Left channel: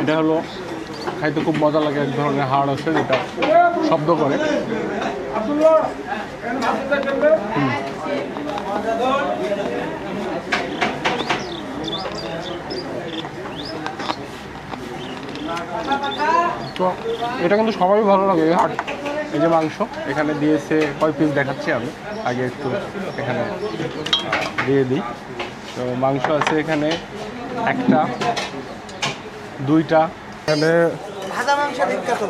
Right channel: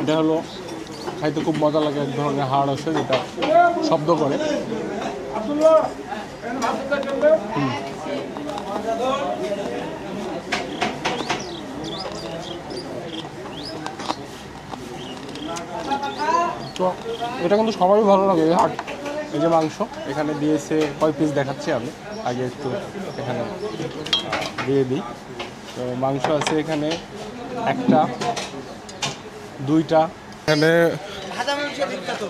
এটা হলো খাইতে খুব মজা লাগে, এক ধরনের হাড় আছে যেটা শব্দ করে। তো এটা কিন্তু সবারই ভালো লাগে এই হাট। এই যে মাংস এখানে দিয়েছে, কয় পিস দেখাচ্ছি আমি, আগে একটু এখানে দিয়ে দিই। তো মাংস আছে এখানে একটা, দুইটা। এখানে ভাজা মাংস বিখ্যাত,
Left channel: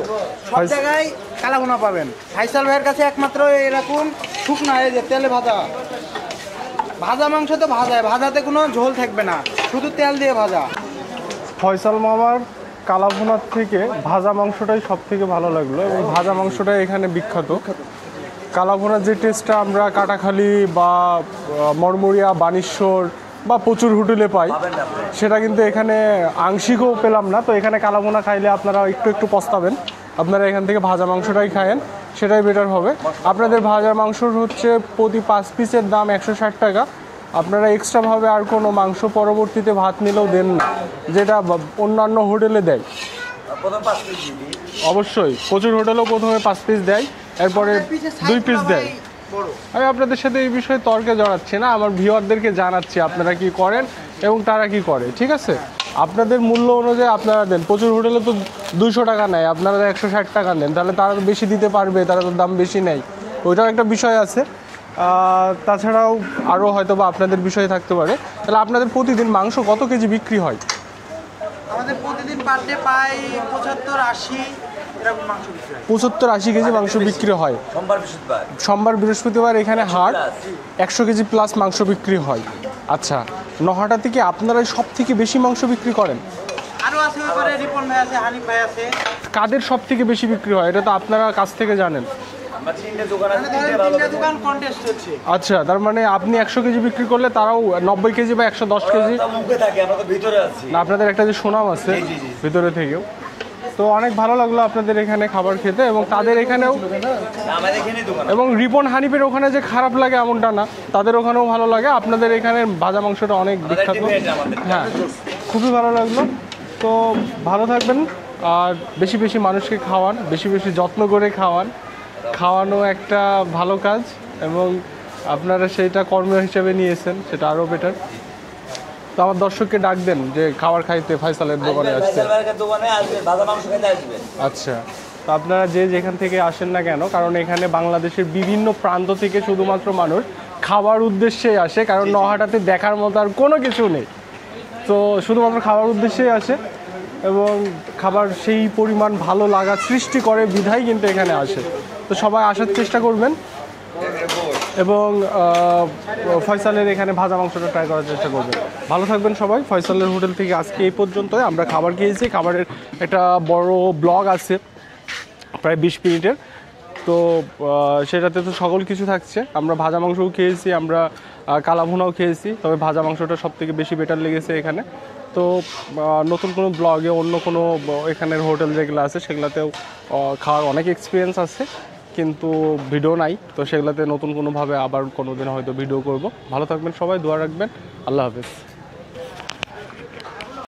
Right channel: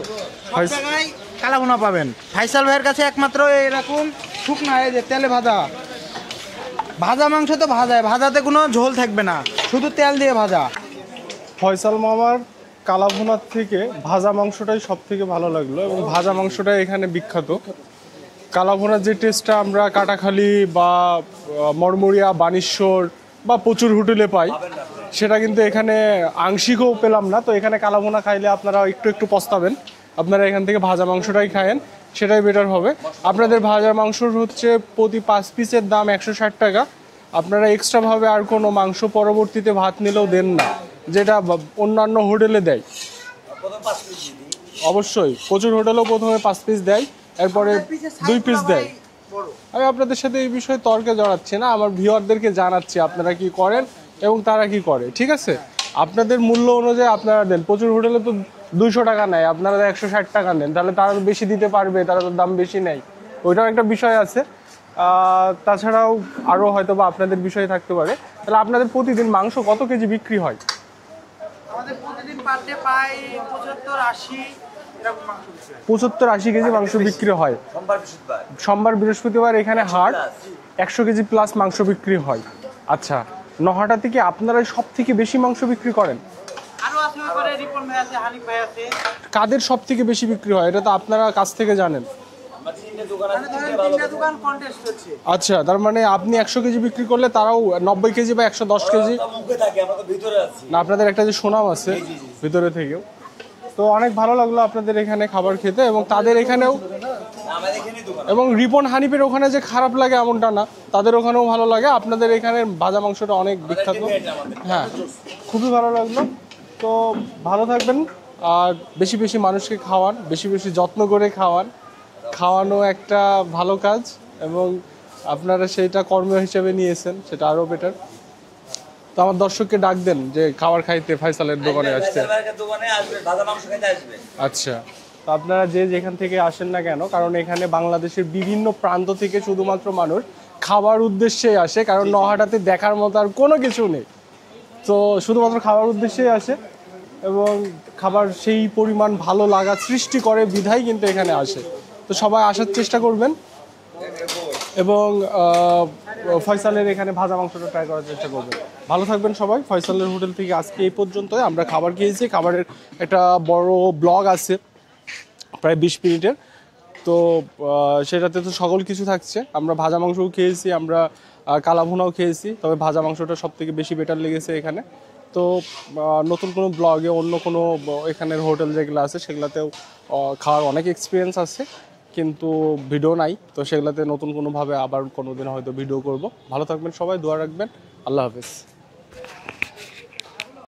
সব জায়গায় কালাভুনা পাবেন। ফাইসাল ভাইয়ের কাছে একমাত্র এরকম শুকনো এই যে তেলে ভাজা ভাজা মাংস, তো ভাজাতে কোনো ঝোল থাকবে না, শুধু তেল দিয়ে ভাজা। ফয়সাল মামার কালাভুনার থেকে ভাজা মাংসটাই সব থেকে ভালো লাগলো, এবং ভাজা মাংসটাই এখানে বিখ্যাত। কালাভুনার যে টেস্টটা আমরা কাটাখালী বা মরমরিয়া, বানেশ্বর বা প্রচুর হোটেলে পাই, সেটা কিন্তু এখানে আংশিকও পেলাম না। তো এখানে কালাভুনা খাইলে আপনারা একটু একটু পস্তাবেন, আপনারা এখান থেকে ভাজা মাংসটাই খায়েন, সেটাই বেটার হবে। আপনাদের ভাজা মাংসর হচ্ছে প্রতি 5 পিসের দাম 160 টাকা। আপনারা এক্সট্রাভাবে আর কোনো মাংস পরবর্তীতে ভাত নিলেও দেন না, যেটা অন্যান্য হোটেলে দেয়। অবশ্যই প্রচুর হোটেলও প্রথমে 5 পিস দেয়, এরপরে 2 পিস দেয়। আমি আপনাদের সাথে এই বিষয়ে তর্কে জড়াচ্ছি না, আমার ভিউয়ারদেরকে জানাচ্ছি আপনারা কি করেন এবং তারা কি করে। ঠিক আছে, আপনাদের মূল্য অনুযায়ী আপনারা দেন। প্রচুর হোটেলে তো 200 টাকা নেয়, আপনারা 160 টাকা নেন, তাহলে তারা বেশি দিতে পারবে, তারা তো দাম বেশি নেয়, ওইটাও একটা বিষয় আছে। তাছাড়াও আরও হয়তো বা আপনাদের বিষয় থাকতে পারে। তাহলে আপনাদের প্রতিদিন মাংস কত কেজি বিক্রি হয়? আমাদের প্রতিদিন পার ডে প্রায় 75-80 এরকম মাংস বিক্রি হয়। 75-80 কেজি মাংস বিক্রি হয় সোমবার বৃহস্পতিবার। এখানে হাট 100 কেজি প্লাস মাংস বিক্রি হয়। আচ্ছা, নহাটা থেকে আপনারা সব থেকে বেশি মাংস বিক্রি করেন? আরো আছে, ওইপারে রিপন ভাই আছে, হানিফ ভাই আছে। কাদের সব থেকে বেশি বিক্রি হয় এটা তো আপনারা কাছ থেকে জানেন। আচ্ছা, তার মানে আপনি 100 কেজি বিক্রি করলে তারাও 90 কেজি বা 110 কেজি। না, আপনাদের একটা যে সুনাম আছে ভিতরে থেকেও। তো অনেক ভালো লাগলো আপনাদের এখানে খাবার খেতে, এবং তাদের এখানেও, এবং রিপন হানিফের ওখানে যে খারাপ লাগে এমনটা না, তাদের ওখানেও ভালো লাগে। আপনাদের এখানে ভাজা মাংসটা অনেক বিখ্যাত। হ্যাঁ, খুবই ভালো লাগলো। তো ভালো থাকবেন, আর বেশি বেশি মানুষকে খাওয়ান, বেশি বেশি যত্ন করে খাওয়ান। খাওয়ানো একটা ভালো কাজ, এবং আপনারা সেইটা কর্ম হিসেবে নিয়েছেন, সেটা আরও বেটার। তো আমার দর্শককে ডাক দেন যে খাবার খাইতে ফয়সালের দোকানে আসছে। আচ্ছা, তো আপনারা যে যেখান থেকে আসেন না কেন, কারণ এখানে বাংলাদেশের বিভিন্ন প্রান্ত থেকে শুধুমাত্র মানুষ খাবার উদ্দেশ্যেই আসে, কারণ নহাটাতে দেখার মতো আর কোনো কিছু নেই। তো শুধুমাত্র খাবার উদ্দেশ্যেই আসে, এবং খাবার সেই পরিমাণ ভালো লাগা সৃষ্টি করে বিধায় কিন্তু এখানে আসে। তো সবাই আসার চেষ্টা করবেন, এবং ফয়সালের এখানে ভাজা মাংসটা ট্রাই করার চেষ্টা করবেন। ভালো থাকবেন সবাই। ফয়সালের হোটেল থেকে আজকে এই পর্যন্তই। আমরা খাবার খেয়েছি, খাবারের একটা বড় ব্লগ আছে প্রায় 20 মিনিটের। তো সেটাতে তো সকল কিছু থাকছে। আমরা ভাজা মাংসও খেয়েছি, আমরা কালাভুনাও খেয়েছি, তবে ভাজা মাংসটা সব থেকে বেশি বেটার লেগেছে এখানে। তো নতুন কোনো ব্লগে অন্য কোনো এখানের হোটেল যেগুলো আছে সেগুলোতেও খাওয়ার অনেক এক্সপিরিয়েন্স আছে, কিন্তু ভিডিও নাই। তো সেগুলোতে নতুন কোনোভাবে আবার কোনো দিন হয়তো ভিডিও করব। ভালো থাকবেন সবাই, দোয়া রাখবেন। আল্লাহ হাফিজ।